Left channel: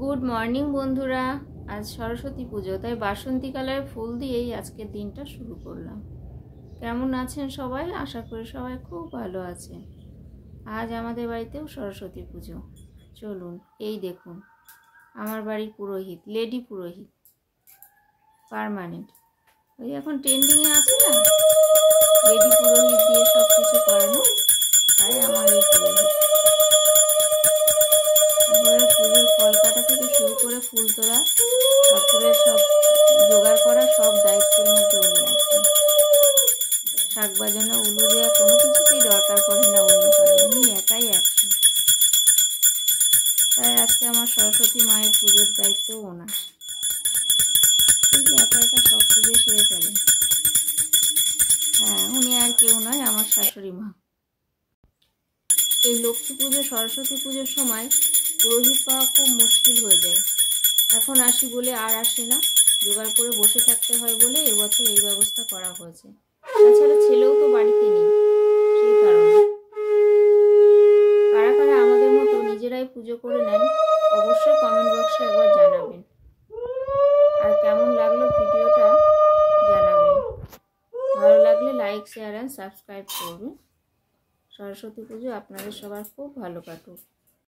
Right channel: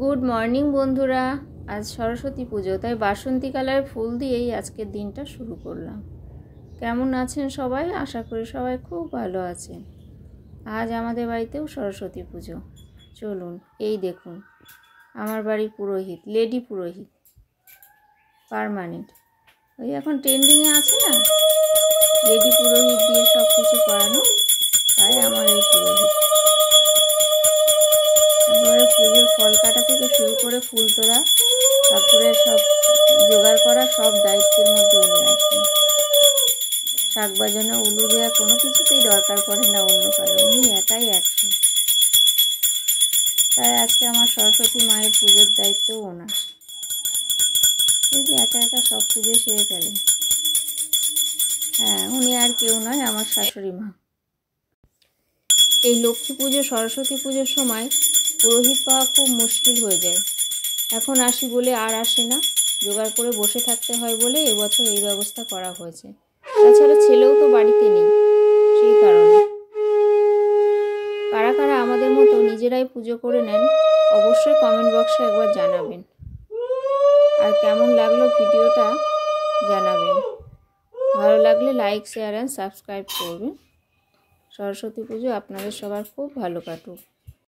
Good morning বন্ধুরা। আজ সরস্বতী পুজো, তাই বাসন্তী কালারের ফুল দিয়েই আজকের দিনটা শুরু করলাম। কেমন আছেন সবাই? আশা করি সবাই খুব ভালো আছেন। আজ আমাদের বাড়িতেও সরস্বতী পুজো। চলুন, এই দেখুন আমার বাড়ির পুরোহিত, লেডি পুরোহিত পার্মানেন্ট। ওই এখন ট্রেন্ডিংয়ে আছে না, লেডি পুরোহিত দিয়ে সব কিছু করানো, তাই আমার এই পুরোহিত। পুজোর ফল কাটা থেকে শুরু করে ফুল তোলা, তারপরে সব জোগাড় করা, সব দায়িত্বের মধ্যে উনি আছেন। শাক বাজানো, উলু দেওয়া, কোনো কিছুতেই দরকার পড়ে না অন্য কারো, উনি একাই একশো। তাই আজকে আমার সরস্বতী মায়ের পুজোর দায়িত্বও ওনার। এই যে একা একা সব পুজো সেরে ফেলে। হ্যাঁ, উনি আর কেউ নয়, আমার শাশুড়ি মা। এই লক্ষ্মী পুজো, সরস্বতী পুজোর সময় পুরোহিত পাওয়া খুব মুশকিল হয়ে যায়। এখন আসি বলে আর আসে না, জোগাড় করে বসে থাকতে হয় বলে এবছর এই ব্যবস্থা করা হয়েছে। তাছাড়া ছেলেও তো বাড়িতে নেই, সেই কারণে। কারা কারা আমাদের মতো নিজেরাই পুজো করে নেন অবশ্যই কমেন্ট বক্সে একবার জানাবেন। আর কেমন লাগলো ভিডিওটা জানাবেন। ভালো লাগলে লাইক, শেয়ার অ্যান্ড সাবস্ক্রাইব করবেন। সরস্বতী পুজো আপনাদের সবার খুব ভালো কাটুক।